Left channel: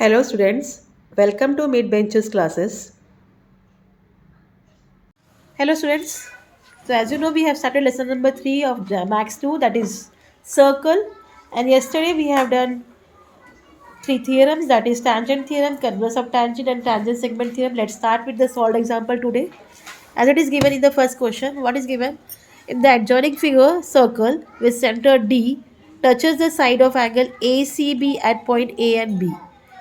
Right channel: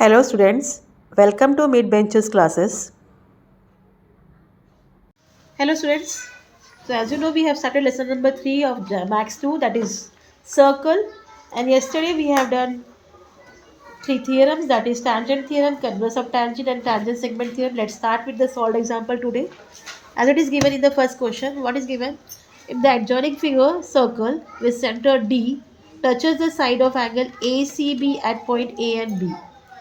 Hello students, welcome to Mid Benches classes. Hello students, so as you know we have started lesson number 3 of Max 2, that is circle, and yesterday we have done 3 theorems, that is tangent theorem, converse of tangent and tangent segment theorem. Let's start with the solved example today. As it is given in the first question, what is given? If the adjoining figure circle with center D touches the side of angle ACB at point A and B.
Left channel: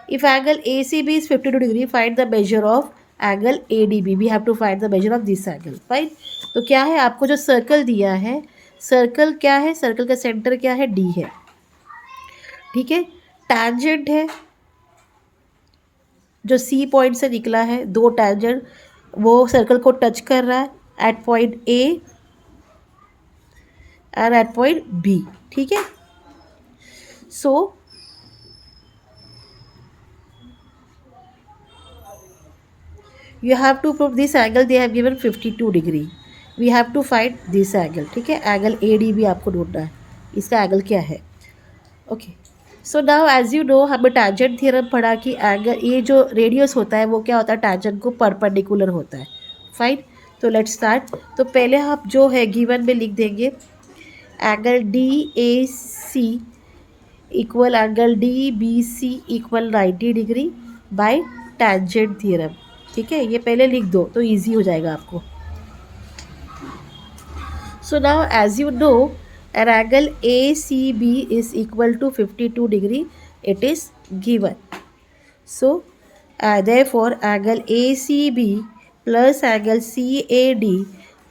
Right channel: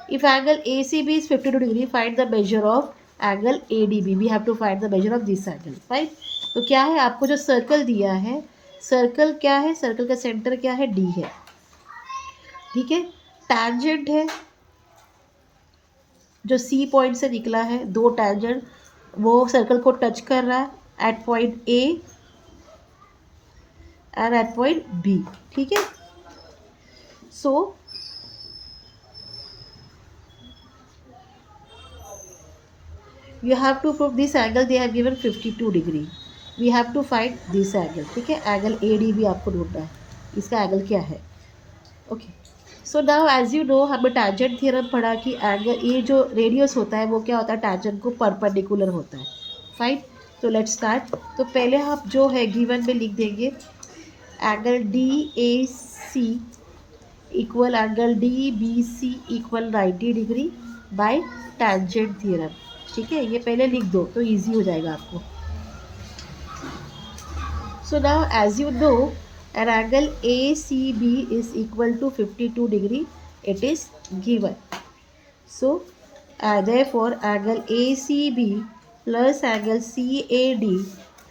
If angle ACB is 52 degree, find the measure of angle ADB. We have to find the measure of this angle. Fine. तो क्या है, आपको जो circle दिया है, circle क्या है, circle का सेंटर क्या है, D है. ठीक है. टैंजेंट है जो सी पॉइंट से निकला है, दो टैंजेंट वो सर्कल को टच कर रहा है at point A and at point B. ठीक है. So you have to prove this angle. They have given 52 degree. We have to find this angle. ठीक है. एंगल ए डी भी आपको ढूंढना है. इसका एंगल क्या है. Okay. So now as you know, हमें टैंजेंट थ्योरम पढ़ा कि एंगल ये जो रेडियस होता है वो क्या होता है, टैंजेंट को परपेंडिकुलर होता है. फाइन. तो लेट्स स्टार्ट. तो पहले आप जो है गिवन में लिख देंगे angle D A C equal angle D B C equal 90 degree by tangent theorem. ठीक है. ये पहले लिख दो तो इजी हो जाएगा आपको. So now as you know, an angle ACB is equal to 52 degree. It is given. So therefore angle ACB plus angle CAD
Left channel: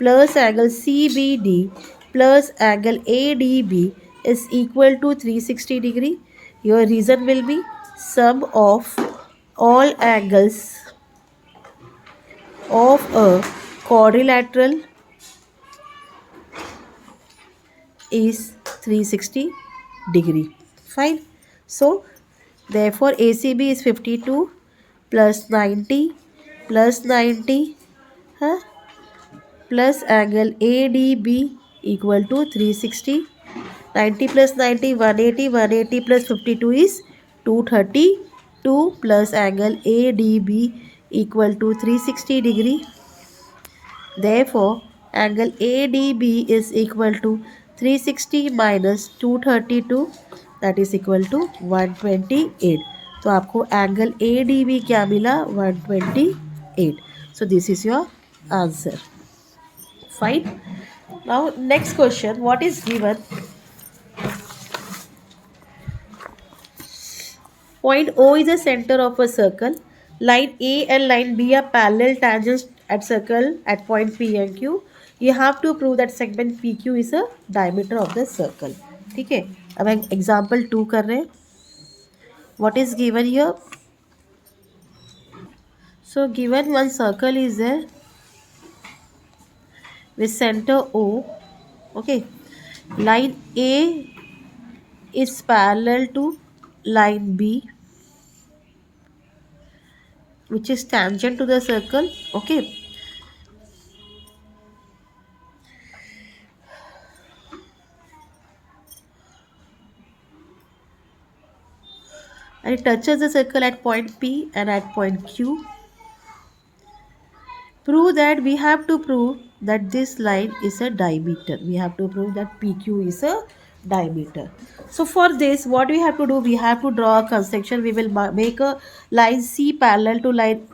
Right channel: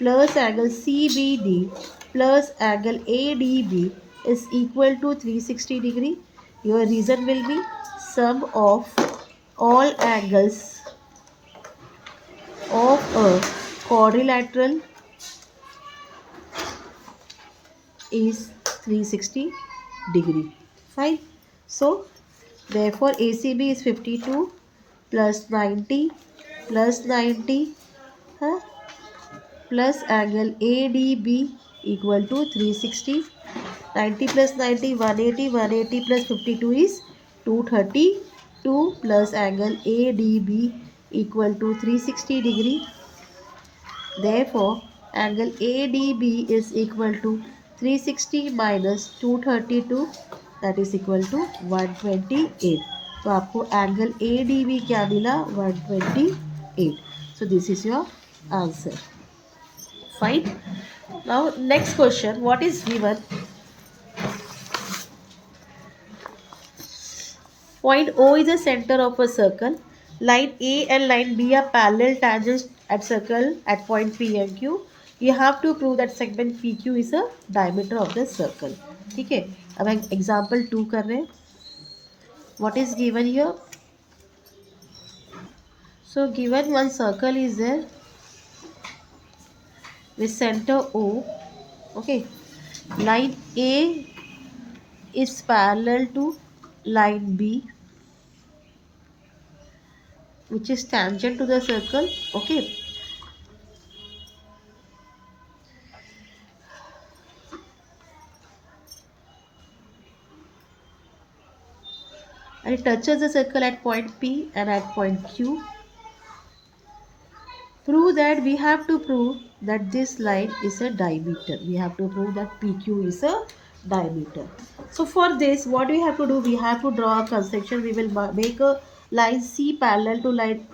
plus angle CBD plus angle ADB is equal to 360 degree. Your reason will be sum of all angles of a quadrilateral is 360 degree. Fine. So therefore ACB is 52 plus 90 plus 90 plus angle ADB equal to 360. 90 plus 90 180, 180 plus 52 is 232 plus angle ADB equal to 360 degree. Therefore angle ADB is equal to 360 minus 232, that is equal to 128. तो आपको angle A D B क्या मिला, 128. So this is your answer. Fine. Now next question. What is given. Point O is the center of a circle. Line A and line B are parallel tangents at circle at point P and Q. You have to prove that segment PQ is a diameter of the circle. ठीक है. अब हम example 2 कर रहे हैं. What is given here? So given one circle is there with center O. Okay. Line A is parallel to line B, which is tangent to the circle. Okay. And it touches the circle at point P and at point Q. Prove that. We have to prove that this line is a diameter. We have to prove that PQ is a diameter. So for this, what we have to do, we have to draw a construction. We will make a line C parallel to line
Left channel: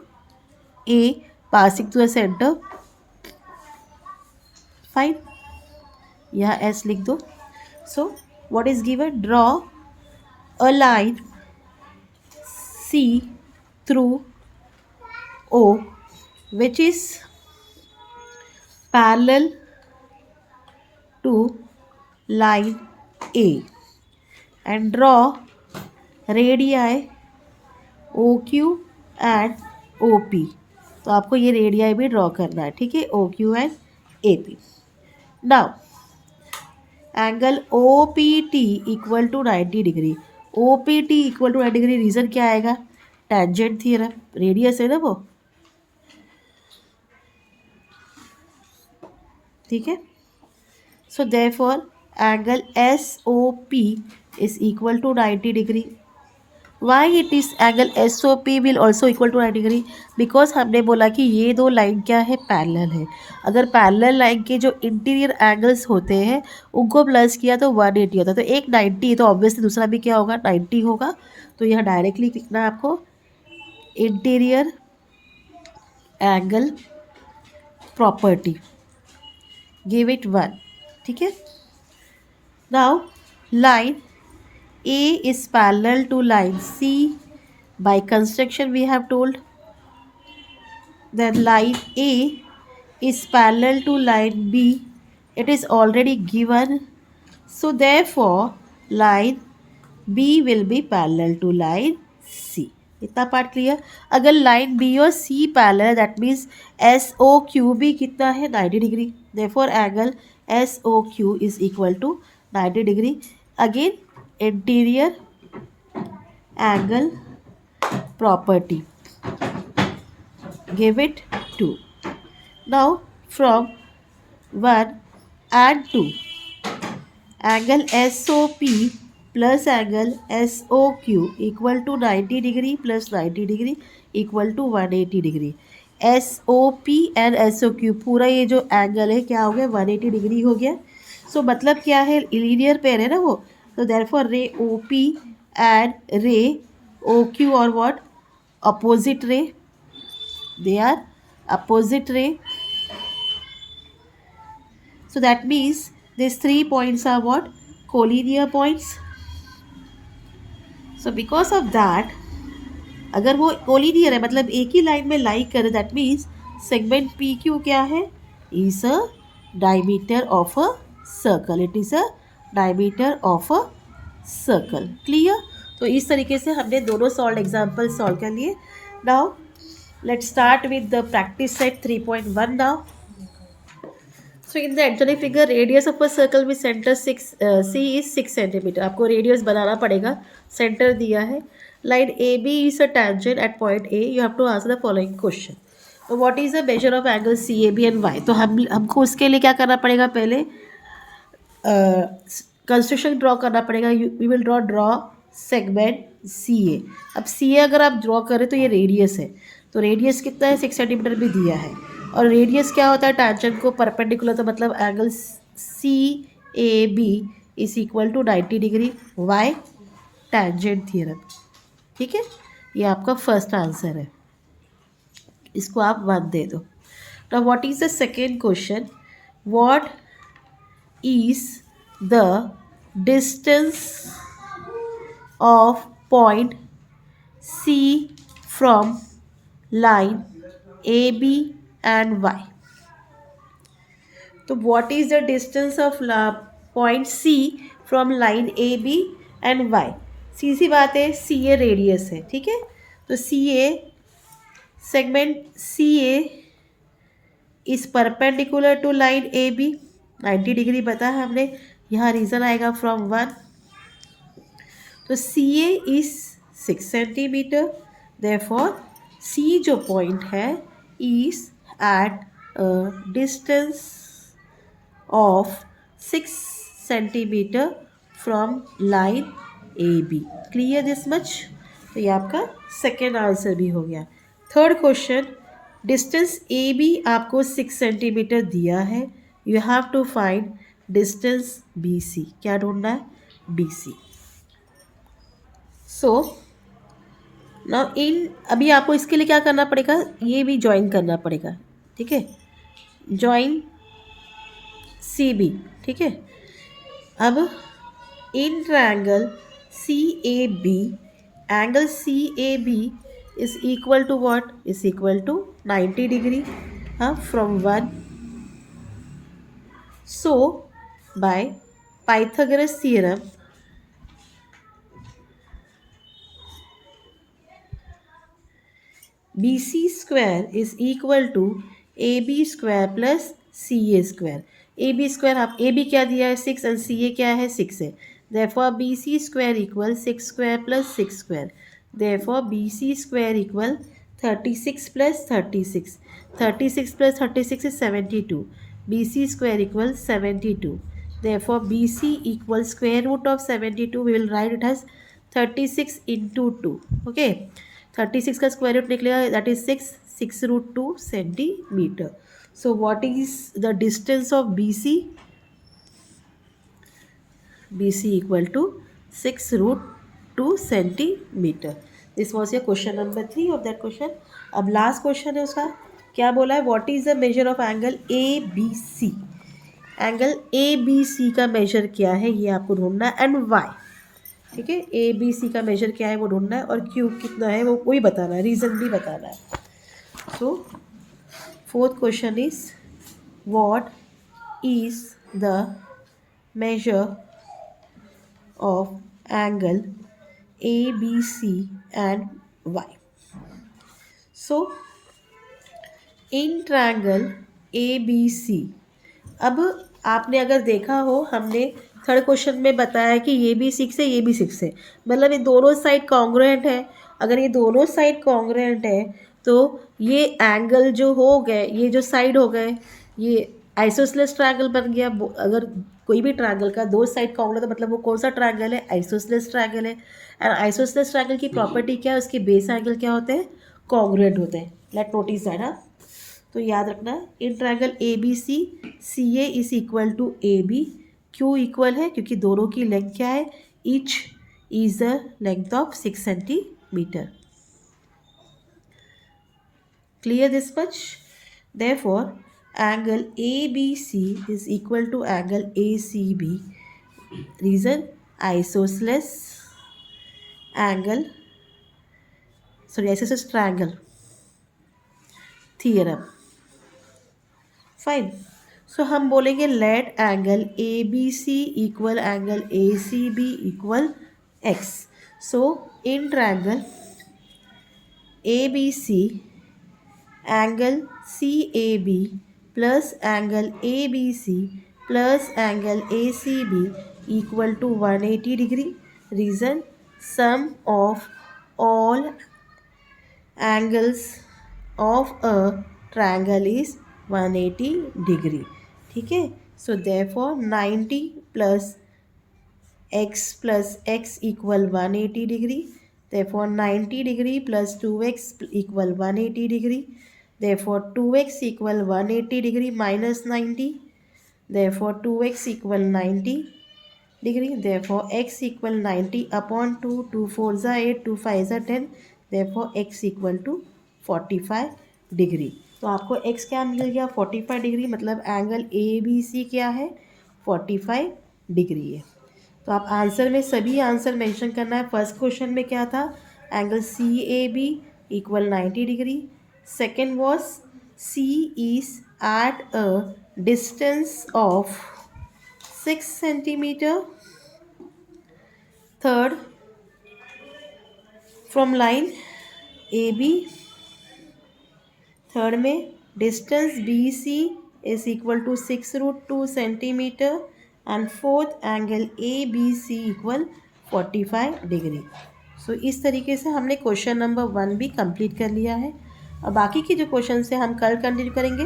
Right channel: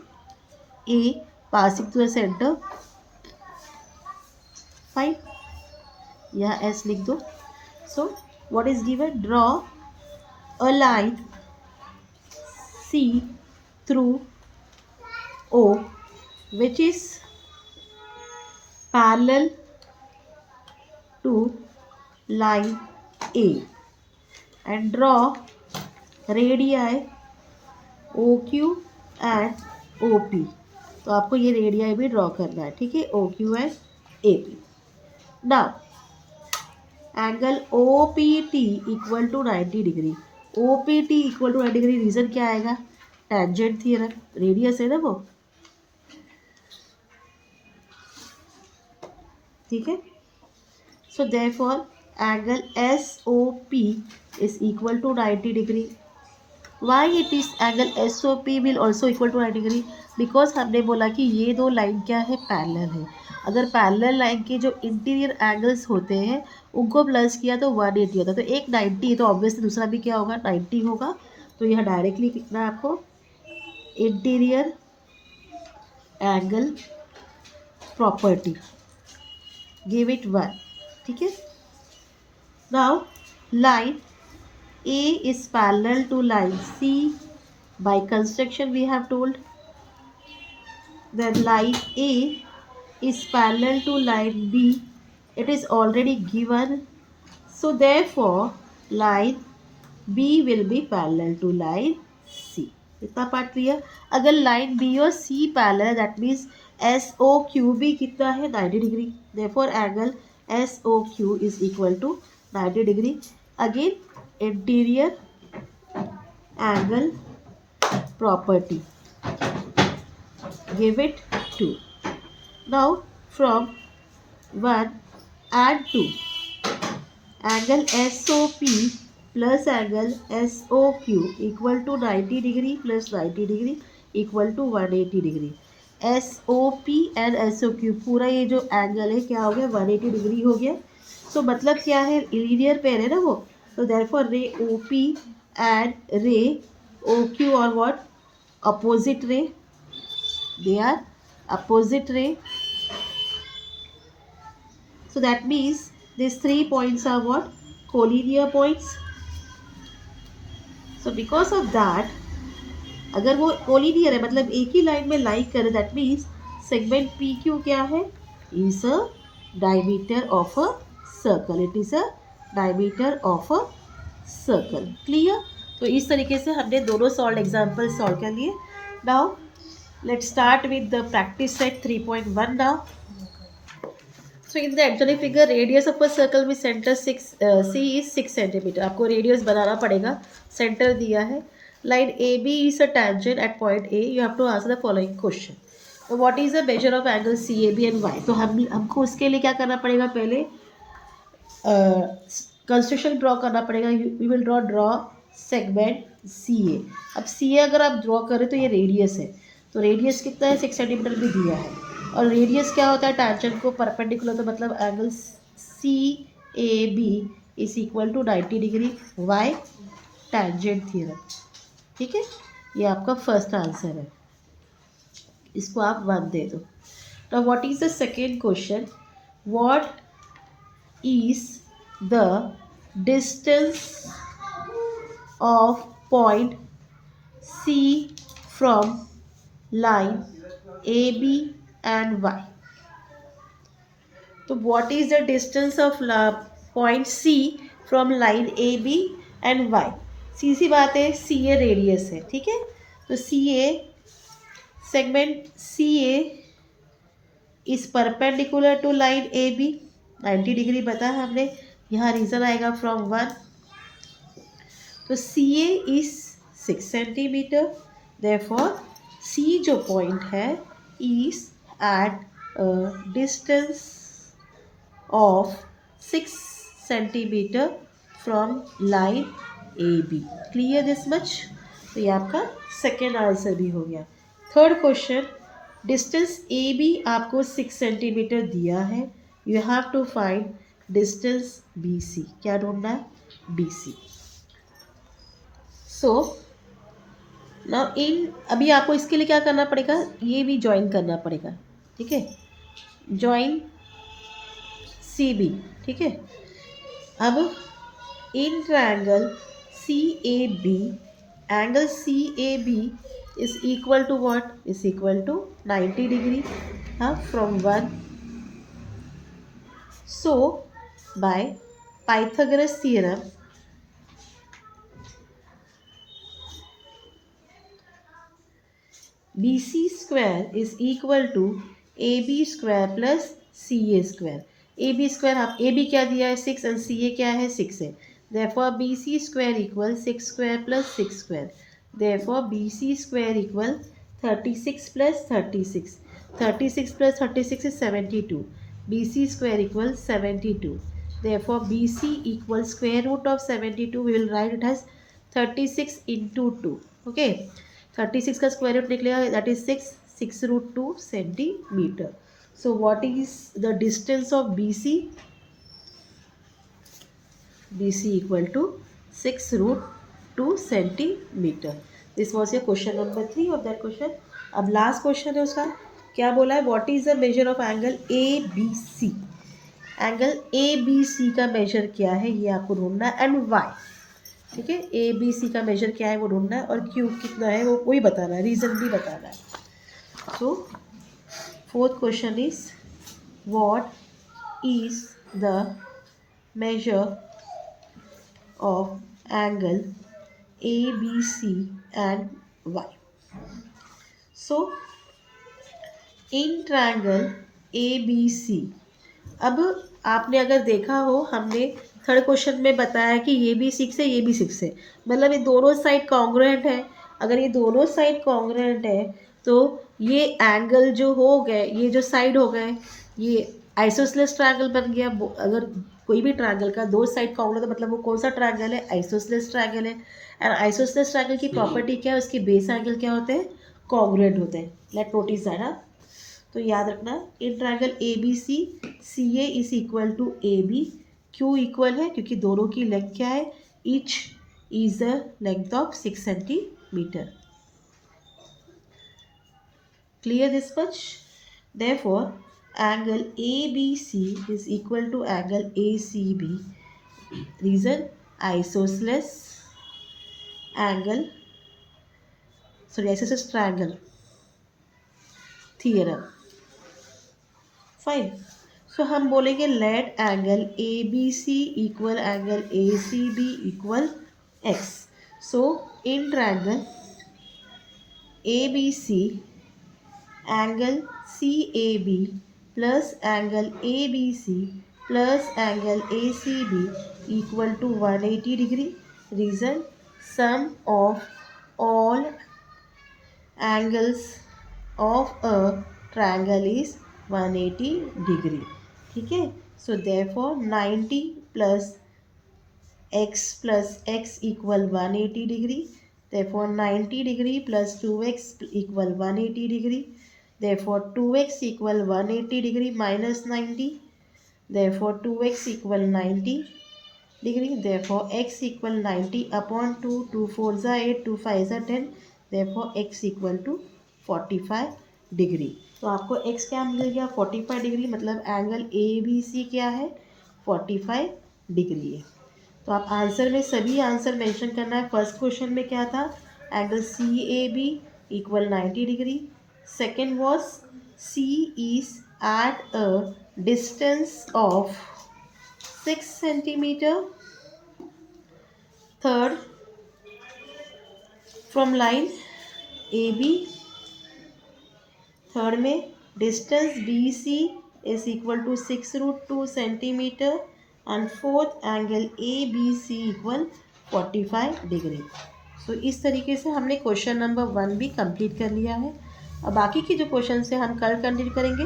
A passing to the center. Fine. यहाँ S लिख दो. So what is given? Draw a line C through O which is parallel to line A and draw radii OQ and OP. तो आपको ये radii भी draw करना है. ठीक है. OQ and AP. Now angle OPT equal to 90 degree. OPT equal to 90 degree. Reason क्या आएगा, टैंजेंट थ्योरम. रेडियस है ना वो. ठीक है. So therefore angle SOP is equal to 90 degree. Why it is angle S O P will also equal to 90 degree, because हमने बोला कि ये दो लाइन क्या है, पैरेलल है। अगर पैरेलल लाइन के जो इंटीरियर एंगल्स होते हैं उनको प्लस किया तो 180 होता है, तो एक 90 है तो ऑब्वियसली दूसरा भी क्या होगा, 90 होगा। तो यह डायरेक्टली लिखना है आपको interior angle property, give it 1। ठीक है। Now line A is parallel to line C by construction we have told. Then line A is parallel to line B. It is already given. So therefore line B will be parallel to line C. इतना part clear. अगर line B और C parallel that means S O Q भी कितना है, 90 degree. Therefore angle S O Q is equal to 90 degree. Again interior angle property, give it 2. Now from 1 and 2, angle SOP plus angle SOQ equal to 90 degree plus 90 degree equal to 180 degree. SOP and SOQ पूरा ये जो angle है क्या हो गया, 180 degree हो गया। सो मतलब क्या है, लीनियर पेयर है ना वो, तो देयरफॉर रे OP and रे OQ or what, opposite ray, they are opposite ray. So that means these 3 points are what, collinear points. So because of that, अगर वो कोलिनियर है मतलब एक ही लाइन में लाई करे, that means segment P Q क्या है, is a diameter of a circle, it is a diameter of a circle. Clear. तो इस तरीके से हमने दोनों सॉल्व एग्जाम्पल सॉल्व कर लिए। Now let's start with the practice set 3.1 now. So in the actually figure radius of a circle with centre 6 C is 6 centimetre. आपको radius बनाना पड़ेगा, सेंटर दिया है। Line A B is a tangent at point A, you have to answer the following question. तो what is the measure of angle C A B and Y. तो हमको उसके लिए क्या करना पड़ेगा, पहले कंस्ट्रक्शन ड्रॉ करना पड़ेगा। We will draw segment C A. अब सी ए अगर आप ड्रॉ करें तो ये रेडियस है, तो रेडियस कितना है, 6 सेंटीमीटर भी दिया है। और रेडियस क्या होता है, टेंजेंट को परपेंडिकुलर, तो मतलब angle C A B is equal to 90 degree, why, tangent theorem. ठीक है, ये आपका फर्स्ट आंसर है, इसको आप 1 दे दो। Now what is the second question, what is the distance of point C from line AB and Y. तो what is the distance of point C from line AB and Y? सीधी बात है, CA radius है, ठीक है। तो CA segment CA is perpendicular to line AB, 90 degree पता है हमने, यहाँ रीजन आएगा फ्रॉम 1। तो C A is 6 centimetre, therefore C जो पॉइंट है is at distance of 6 centimetre from line A B. Clear this much. तो ये आपका सेकेंड आंसर भी हो गया। Third question, distance A B आपको 6 सेंटीमीटर दिया है, you have to find distance B C. क्या ढूंढना है, B C. So now in, अभी आपको इसके लिए क्या करना पड़ेगा, ये भी ज्वाइन करना पड़ेगा, ठीक है, ज्वाइन सी बी, ठीक है। अब in triangle C A B, angle C A B is equal to what, is equal to 90 degree, हाँ, from 1। So by Pythagoras theorem, BC square is equal to AB square plus CA square. AB square, आप AB क्या दिया है, 6, and CA क्या है, 6 है। Therefore BC square equal 6 square plus 6 square, therefore BC square equal 36 plus 36, 36 plus 36 is 72, BC square equal 72, therefore BC equal square root of 72, we will write it as 36 into 2. Okay, 36 का square root निकलेगा, that is 6 √2 centimetre. So what is the distance of BC? BC equal to 6 √2 centimetre. This was your question number 3 of that question. अब last question है उसका, क्या बोला है, what is the measure of angle A B C. Angle A B C का measure क्या है ये आपको ढूंढना है, एंड वाई. ठीक है, ए बी सी का मेजर क्या है वो ढूंढना है, और क्यू कितना है वो वही बताना है, रीज़न भी बताना है. So fourth question is what is the measure of angle ABC and Y. So in triangle ABC, अब आपने अगर देखा हो, हमने थर्ड क्वेश्चन में बताया कि ये भी 6 है, ये भी 6 है, मतलब ये दोनों साइड कॉन्ग्रुएंट है. अगर ये दोनों साइड कॉन्ग्रुएंट है तो ये एंगल जो हो गए, ये जो साइड हो गए, ये आइसोसेलेस ट्रायंगल बन गया. अगर कोई भी ट्रायंगल का दो साइड कॉन्ग्रुएंट, मतलब वो कौन सा ट्रायंगल है, आइसोसेलेस ट्रायंगल है. एंड आइसोसेलेस ट्रायंगल की प्रॉपर्टी क्या है, उसके बेस एंगल क्या होते हैं, कॉन्ग्रुएंट होते हैं. Let notice that. हाँ, तो याद रखना, in triangle A B C, C A is equal to A B. क्यों इक्वल है, क्योंकि दोनों की लेंथ क्या है, each is the length of 6 centimetre. Clear this much? Therefore, angle ABC is equal to angle ACB. Reason, isosceles angle, isosceles triangle theorem. Fine. So हम बोलेंगे let angle ABC equal angle ACB equal x. So in triangle ABC, angle CAB plus angle ABC plus angle ACB equal to 180 degree. Reason, sum of all angles of a triangle is 180 degree. ठीक है. So therefore 90 plus x equal 180 degree. Therefore 90 degree plus 2x equal 180 degree. Therefore 2x equal 180 degree minus 90. Therefore 2x equal 90 degree. Therefore x equal 90 upon 2. 2 4s are 8, 2 5s are 10. Therefore x equal to 45 degree. तो आपको x क्या मिल गया, 45 degree. मतलब angle A B C क्या है, 45 degree है. तो आप आंसर में सभी आंसर मेंशन करना है. फर्स्ट क्वेश्चन में क्या था, angle C A B equal 90 degree. Second was C is at a distance of 6 centimetre. Third, from line A B. Third में distance B C is equal to 6 √2 centimetre. And fourth, angle A B C equal 45 degree. So इस तरीके से हमने question number 1 भी complete कर लिया है. और बाकी के जो क्वेश्चन से हम कल कंटिन्यू करेंगे.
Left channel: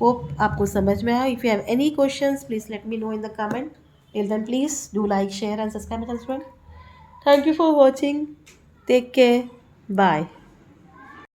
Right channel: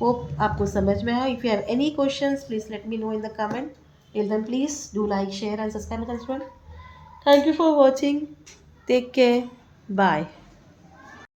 होप आपको समझ में आया. If you have any questions please let me know in the comment. Till then please do like, share and subscribe. Thank you for watching. Take care. Bye.